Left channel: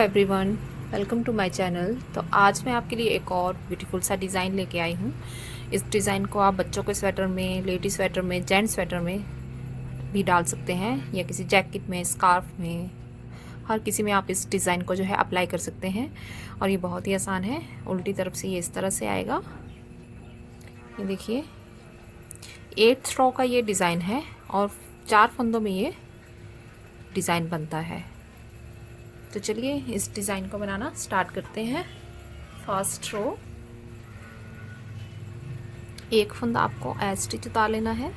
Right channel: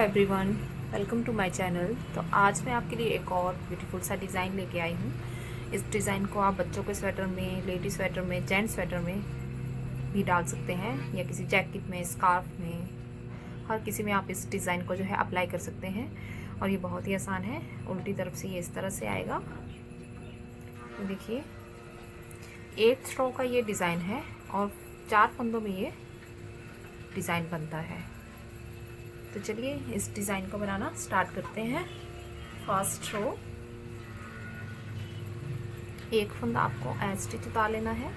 Everyone, welcome to my channel. तो आज मैं आपके लिए एक और ब्यूटीफुल सा डिज़ाइन लेके आई हूँ। इस डिज़ाइन को आप बच्चों के स्वेटर में, लेडी स्वेटर में, जेंट्स स्वेटर में भी डाल सकते हैं या किसी जैकेट में, स्कार्फ में, हर किसी में आप इस डिज़ाइन को जो है अप्लाई कर सकते हैं। और ये बहुत ही आसान है। उल्टी तरफ से ये इस तरह से आएगा। ये देखिए 8 थ्रो का ये डिज़ाइन है और 4 फंदों में ये डिज़ाइन बनता है। तो चलिए इस डिज़ाइन को बनाना स्टार्ट करते हैं। फर्स्ट रो, एक फंदा आपको एज स्टिच उतार लेना है।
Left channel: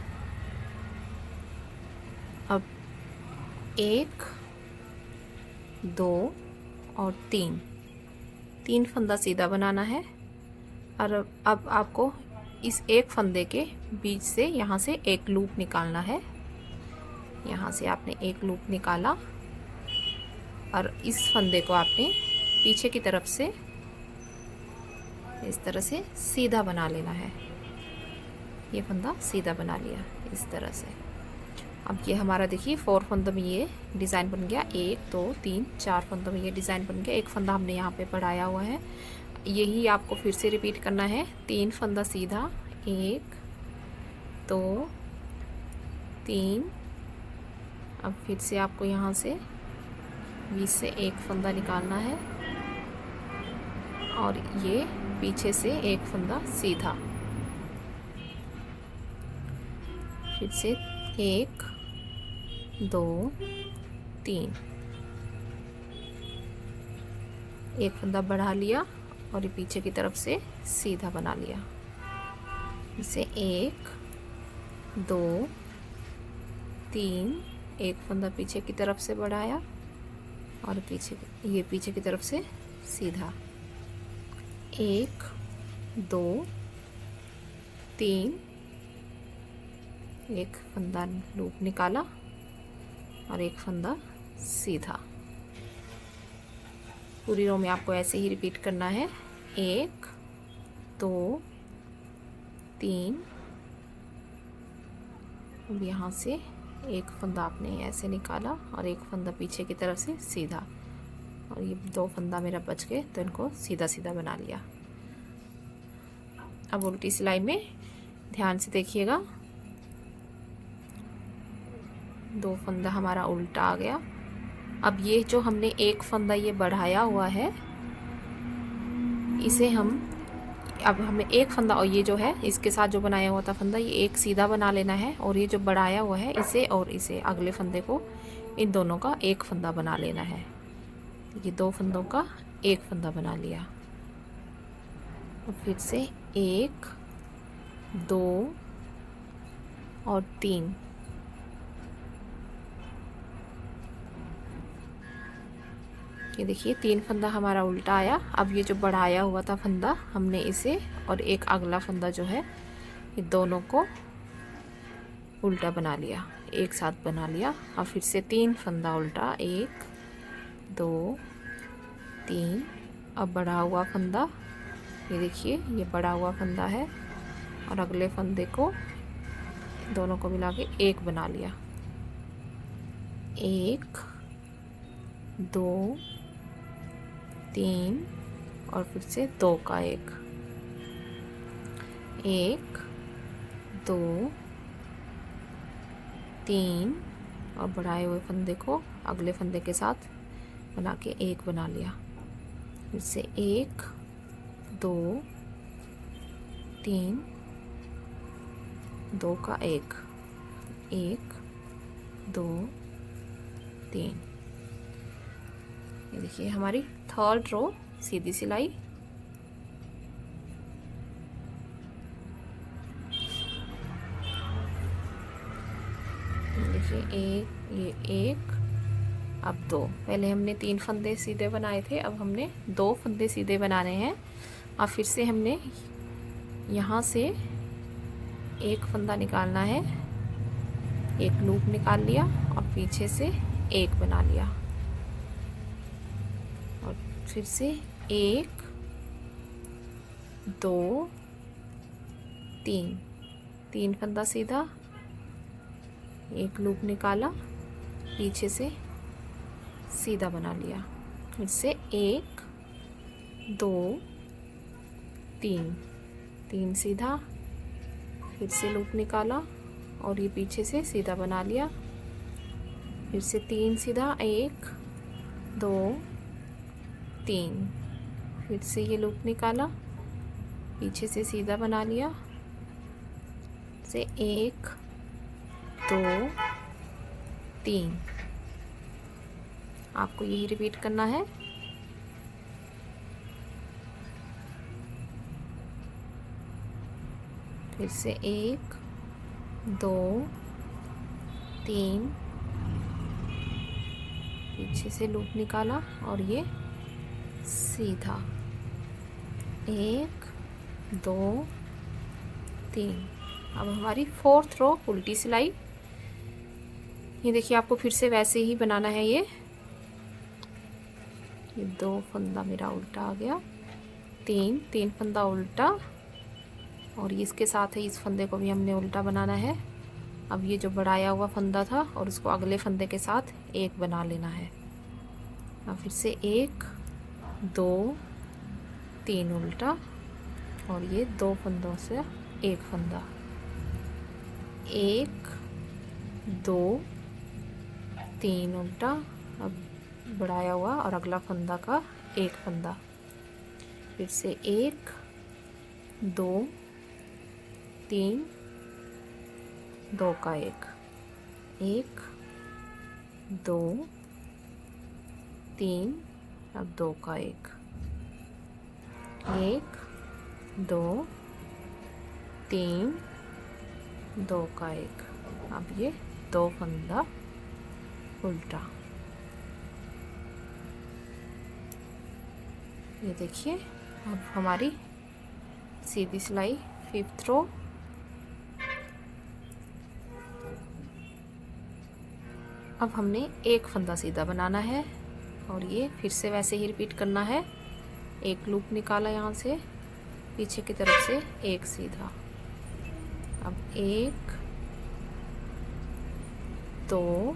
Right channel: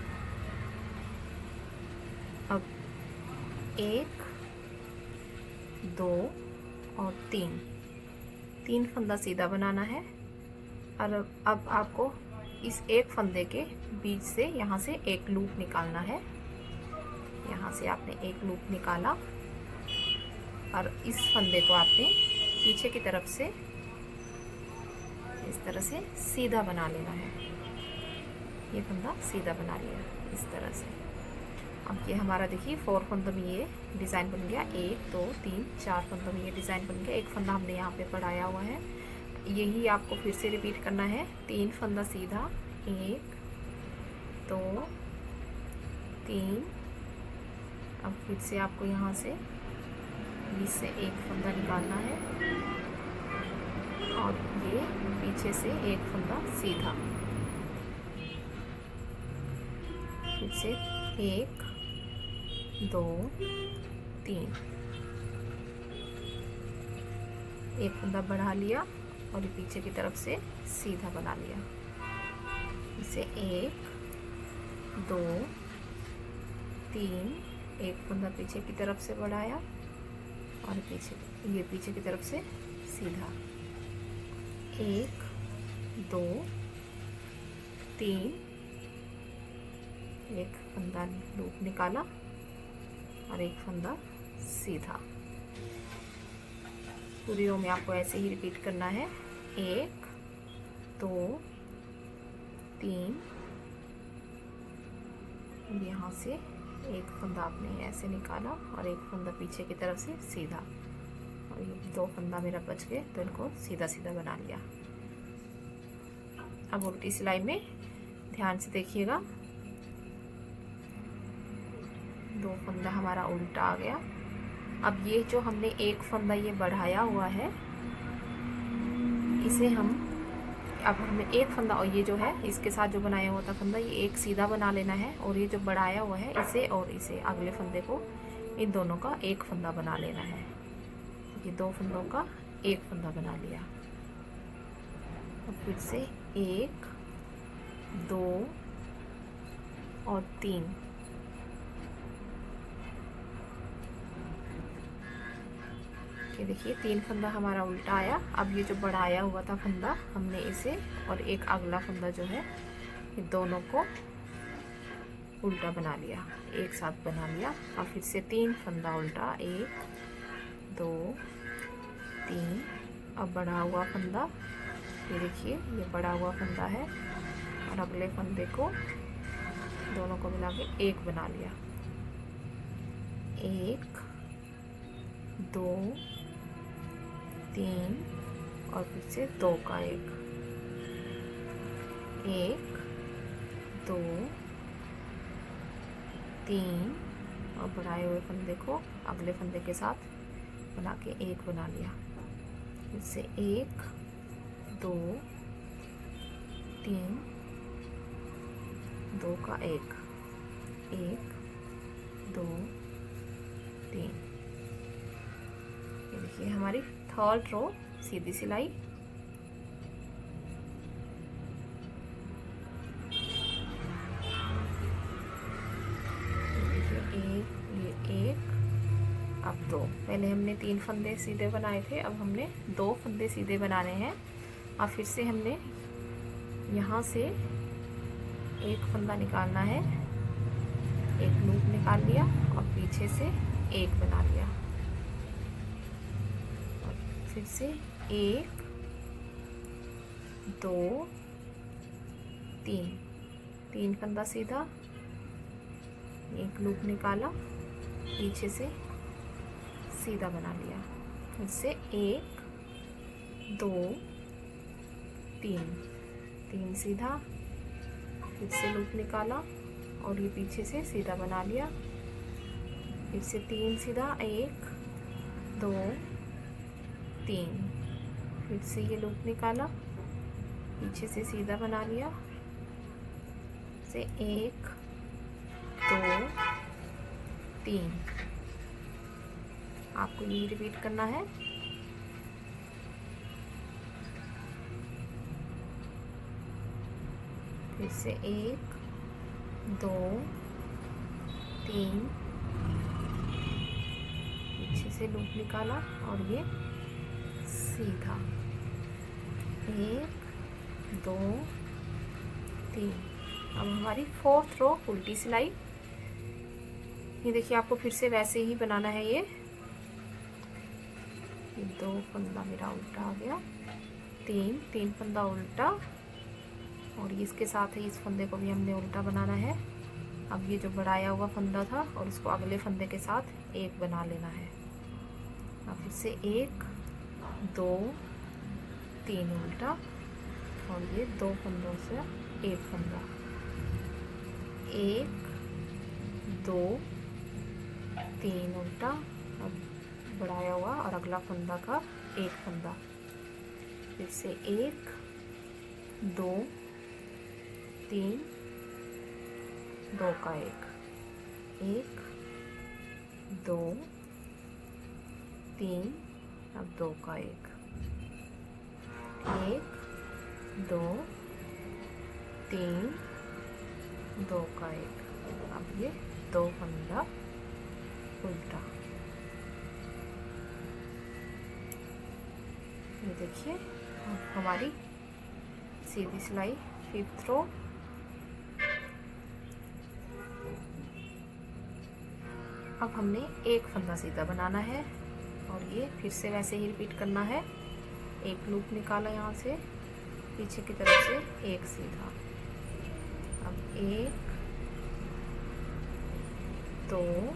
अब 1, 2 और 3 फंदा सीधा बनाना है। और अब आपको इस एक फंदे के बीच से यहाँ से एक लूप निकालना है। यहाँ से आपने एक लूप निकाला और इस फंदे को आपने पीछे की तरफ से इस तरह से सीधा बना लेना है। ये फंदा सीधा बना लिया इस तरह से। अब ये हमारा देखिए 4 फंदों में ये डिज़ाइन बन गया। 1, 2, 3, 4 फंदों में ये डिज़ाइन बन गया। एक फंदा हमने यहाँ पे बढ़ाया हुआ है। यही आपको फिर से रिपीट करना है। 3 फंदा सीधा, 1, 2, 3। अब फिर से आपको यहाँ से बीच से एक फंदा निकालना है और ये पीछे से एक फंदा सीधा। फिर से 1, 2, 3, एक फंदा बढ़ा लिया और ये पीछे की तरफ से सीधा बना लिया। इसे 1, 2, 3, एक फंदा पीछे की तरफ से बढ़ाया और पीछे की तरफ से सीधा। 1, 2, 3, एक फंदा लूप निकाला और एक फंदा सीधा। पूरी रो में आपको ऐसे ही रिपीट करना है। 1, 2, 3, यहाँ से एक फंदा आपने ऐसे निकाला और एक फंदा पीछे की तरफ से सीधा। और ये 2 फंदा मेरा बच गए तो इनको सीधा सीधा बना लिया। अब उल्टी सिलाई में ध्यान से देखिएगा, 2 फंदा हमारा उल्टा आ गया। अब ये जो हमने एक फंदा ये बढ़ाया हुआ है, इसे अब हमें एक फंदा और ये जो है इसके साथ जो बनाया हुआ था फंदा, ये एक सीधा बना लेना है। और ये जो बढ़ाया हुआ है इसे और इसे अगले फंदे को, इन दोनों का एक फंदा बना लेना है। ये 2 फंदों का एक फंदा बना लिया। और फिर से 1, 2 और 3, ये देखिए 3 फंदा हमारा उल्टा आया। अब ये जो बढ़ाया हुआ था फंदा, हमने इसे और एक अगला फंदा जो है, ये दोनों को उल्टा बना लिया, एक साथ बना लिया। और फिर से 3 फंदा उल्टा, 1, 2, 3। अब बढ़ा हुआ फंदा, ये देखिए ये बढ़ा हुआ फंदा है और अगले फंदे को दोनों को मिला के एक बना लिया। 1, 2, 3 और फिर से 2 का एक, 1, 2, 3 और बढ़ाए हुए फंदे को अगले फंदे के साथ बना के एक बना लिया। फिर से 1, 2, 3, 2 का एक, 1, 2, 3। ये देखिए हमारी 3rd रो सीधी सिलाई। देखिए ये एक, अब 2। पहले हमने 3 फंदे सीधे बनाए थे, अब हमने 2 फंदे सीधे बनाने हैं। और फिर से हमने यहाँ से एक फंदा निकालना है, एक लूप निकाल लिया और पीछे से एक बना लिया। और फिर से 1, 2, 3 फंदा सीधा, एक लूप निकाला, पीछे से सीधा बना लिया। फिर से 1 2 3, 3 सीधा, फिर से लूप निकाला और ये पीछे से सीधा बना लिया, फिर से 3 सीधा, 1 2 3, फिर से ये लूप निकाला, पीछे से सीधा बना लिया, से 1 2 3। आपको यही रिपीट करना है। फिर से 1 2 3, पीछे से लूप निकाला और ये सीधा, 1 2 3। अब हमारी 4th रो उल्टी सिलाई। ये देखिए, आपको फिर से वैसे ही बनाना है। ये 2 फंदा मेरा उल्टा आ गया, 3 फंदा उल्टा, और इसके साथ ही इस फंदे को भी हमने उल्टा बनाना है। अब ये जो बढ़ाया हुआ फंदा था और उसको अगले फंदे के साथ एक बना लेना है। अब फिर से 1 2 3 उल्टा, और ये 2 फंदों से एक फंदा, 1 2 3 उल्टा, अब बढ़ाया हुआ और अगला फंदा का एक फंदा, फिर से 1 2 3 2 का 1 2 3, अब 2 का 1 2 3 2 का 1। अब ये 2 फंदा उल्टा। ये देखिए, अब हमारी सीधी सिलाई 5th रो। अब हमने एक फंदा सीधा बनाना है और ये फिर से वैसे ही रिपीट करना है। एक लूप निकाला यहाँ से, पीछे की तरफ से एक सीधा, अब 1 2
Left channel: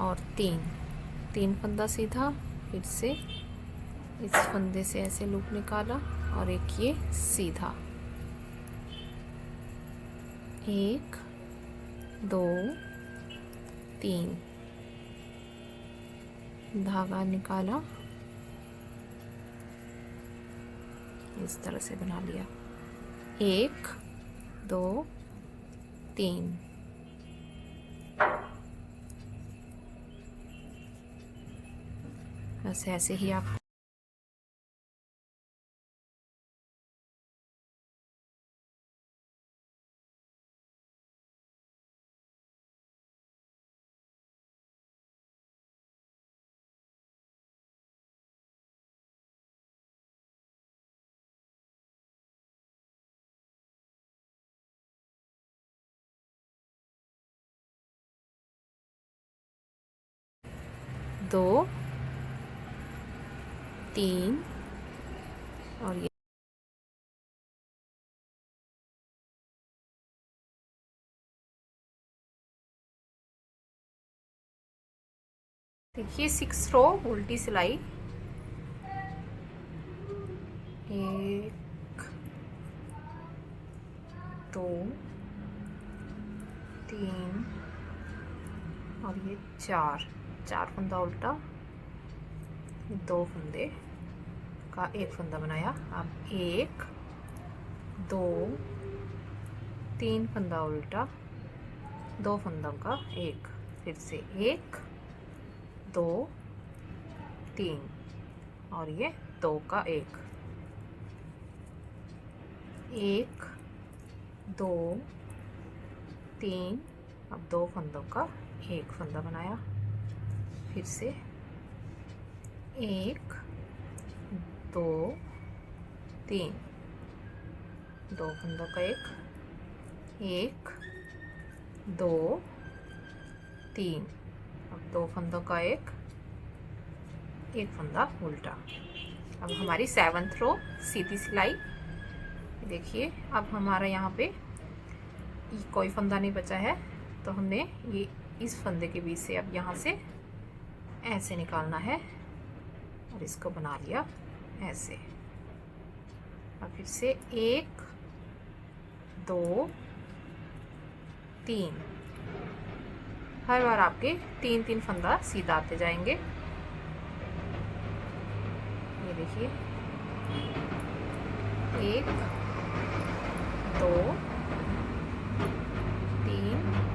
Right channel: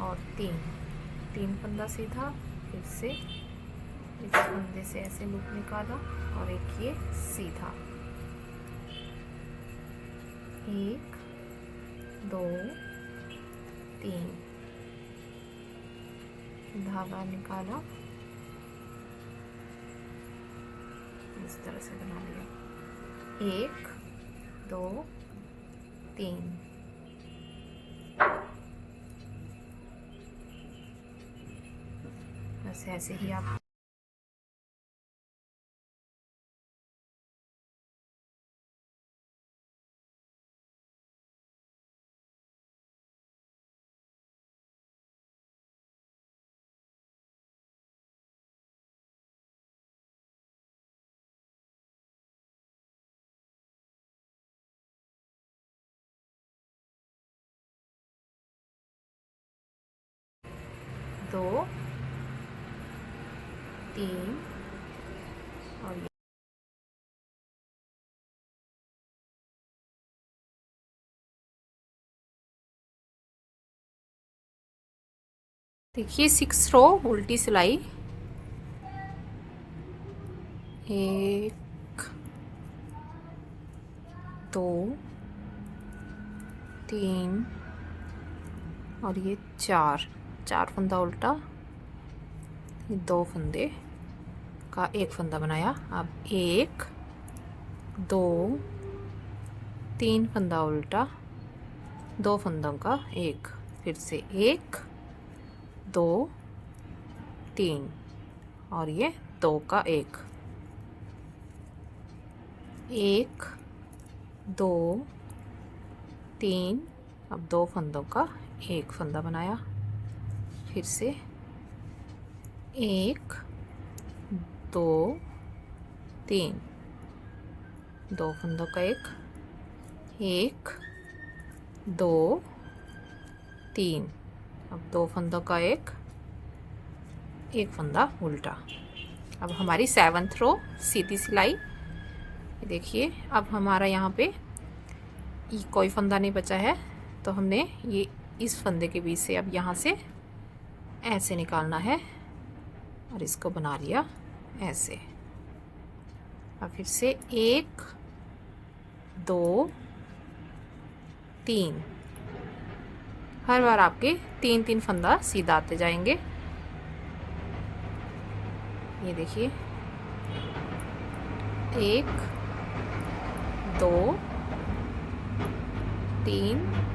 और 3 फंदा सीधा, फिर से इस फंदे से ऐसे लूप निकाला और एक ये सीधा, 1 2 3, धागा निकाला, इस तरह से बना लिया, 1 2 3। बस ऐसे ही आप दो 3 और ये देखिए 6 रो उल्टी सिलाई, 1 2 3 और ये 4 फंदा उल्टा, 2 फंदे का एक फंदा बनाया। अब 1 2 3 फंदा उल्टा, 2 फंदों का एक, फिर से 1 2 3 और ये 2 का 1 2 3, अब 2 फंदों का एक फंदा बनाया, फिर से 1 2 3, 2 फंदों का 1 2 3, अब 2 फंदों का एक फंदा उल्टा। अब हमारी 7th रो सीधी सिलाई। देखिए, अब हमारा यहाँ पे कोई फंदा नहीं बचा है, तो हमने ये इस फंदे के बीच से अब यहाँ से ऐसे निकालना है और इसको बना लिया ऐसे। और फिर से 1 2 3, हर बार आपके 3-3 फंदा सीधा आते जाएंगे। ये देखिए 1 2 3,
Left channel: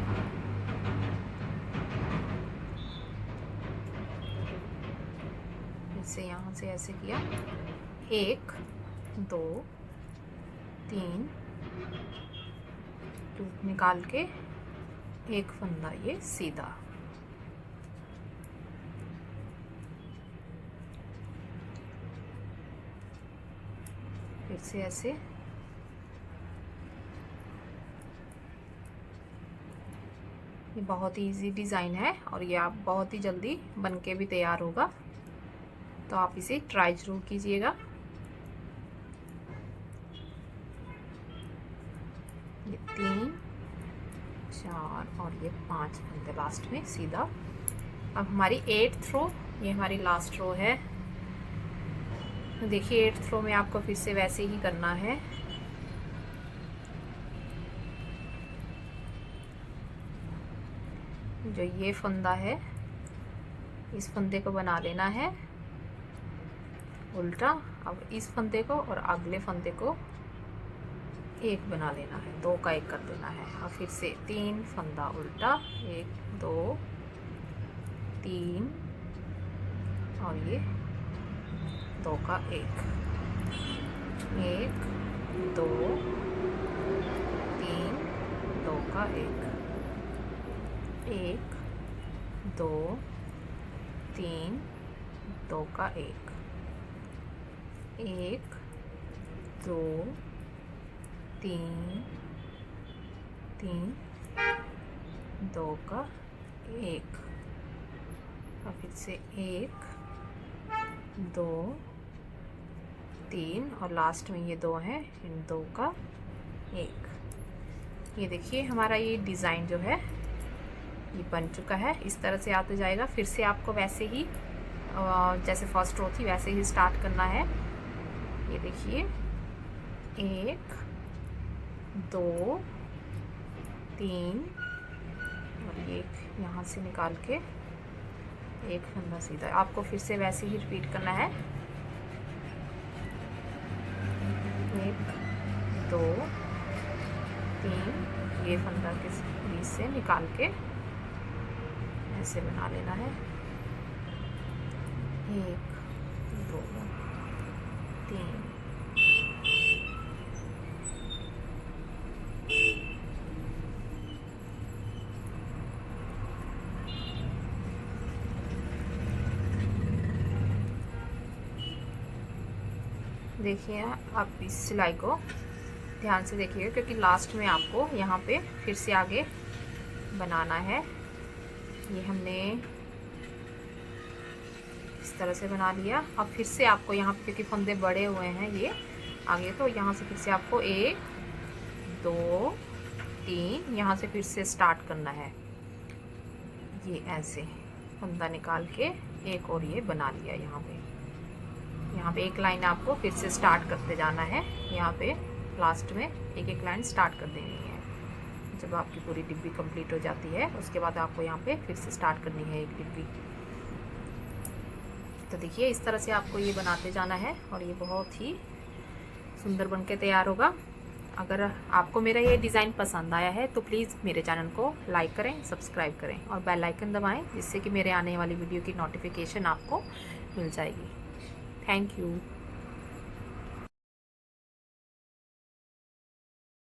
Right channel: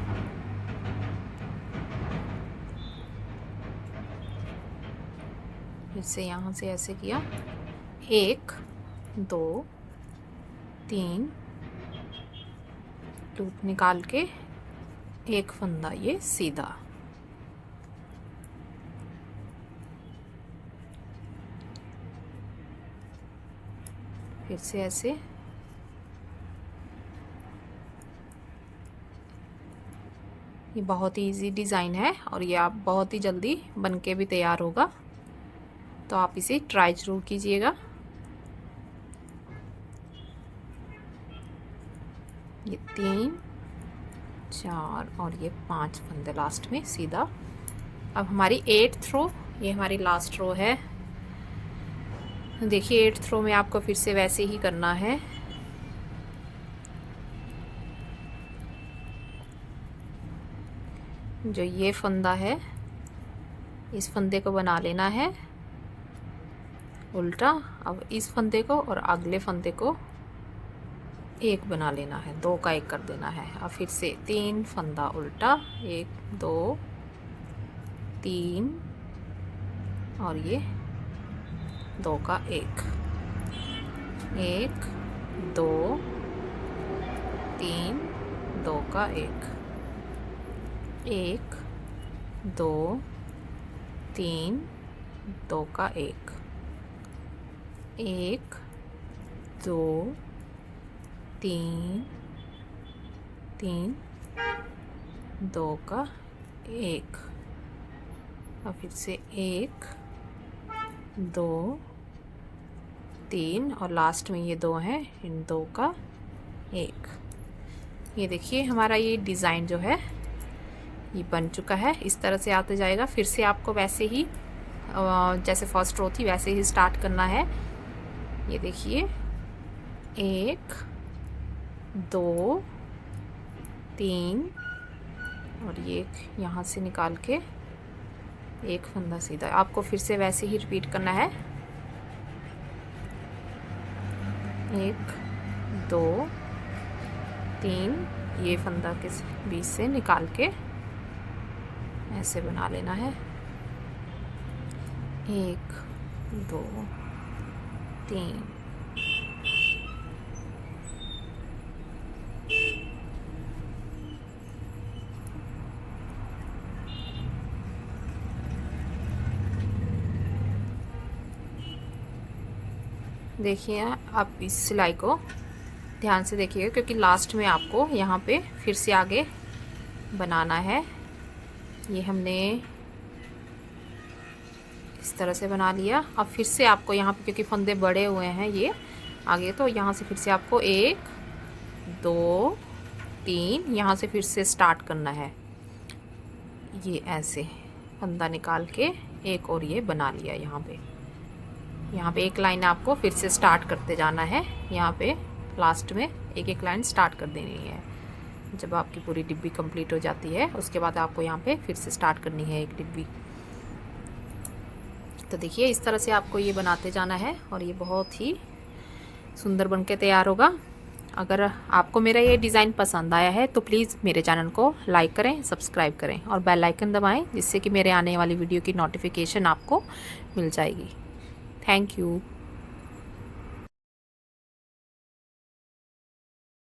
फिर से यहाँ से ऐसे किया 1 2 3, लूप निकाल के एक फंदा ये सीधा। फिर से ऐसे ये बहुत ही इजी डिज़ाइन है और ये आप बहुत ही जल्दी बनके भी तैयार होगा, तो आप इसे ट्राई जरूर कीजिएगा। ये 3 4 और ये 5 फंदे लास्ट में सीधा। अब हमारी 8th रो, ये हमारी लास्ट रो है। देखिए 8th रो में आपको फिर से वैसे ही करना है। जो ये फंदा है इस फंदे को बना लेना है उल्टा। अब इस फंदे को और अगले फंदे को एक बना लेना है, 2 का 1 कर देना है। अब फिर से 3 फंदा उल्टा, 1 2 3 और ये 2 का 1, 1 2 3 2 का 1, 1 2 3 2 का 1, 1 2 3 3 2 का 1। और फिर से 1 2 3 और लास्ट में ये 2 हैं, इन 2 का 1। ये देखिए हमारा ये डिज़ाइन जो है ये बन चुका है। इस तरह से आते जाएगा। फिर से आपको वैसे ही जैसे फर्स्ट रो थी वैसे ही स्टार्ट करना है। ये देखिए 1 2 3 और ये यहाँ से निकाल के एक फंदा सीधा। आपको फिर से वैसे ही रिपीट करना है। 1 2 3 ये फंदा के बीच से निकाल के ऐसे बना लेना है। 1 2 3 देखिए आप इस सिलाई को ध्यान से देखिएगा, क्योंकि लास्ट में आपको यहाँ पे फिर से आगे बनाना है। ये हमने इस तरह से बना लिया। अब फिर से आपको यहाँ पे, क्योंकि फंदे बड़े हुए हैं ये आगे, तो यहाँ से फिर से आपको 1 2 3 यहाँ से फिर से स्टार्ट करना है। ये ऐसे फंदा निकाल के एक और ये बना लिया। यहाँ पे एक लाइन आपको फिर से स्टार्ट करते जाना है। यहाँ पे लास्ट में एक एक लाइन स्टार्ट कर देनी है। जब आपकी पूरी डिब्बी कंप्लीट हो जाती है उसके बाद आपको यहाँ पे फिर से स्टार्ट करनी है एक डिब्बी। तो देखिए इस तरह से आपको ये बनाते जाना है और ये बहुत ही सुंदर बनके तैयार होगा। अगर आपको मेरा ये डिज़ाइन पसंद आया है तो प्लीज़ मेरे चैनल को लाइक करें, सब्सक्राइब करें और बेल आइकन दबाएं, जिससे कि मेरे आने वाली वीडियो की नोटिफिकेशन आपको मिल जाएगी। Thank you.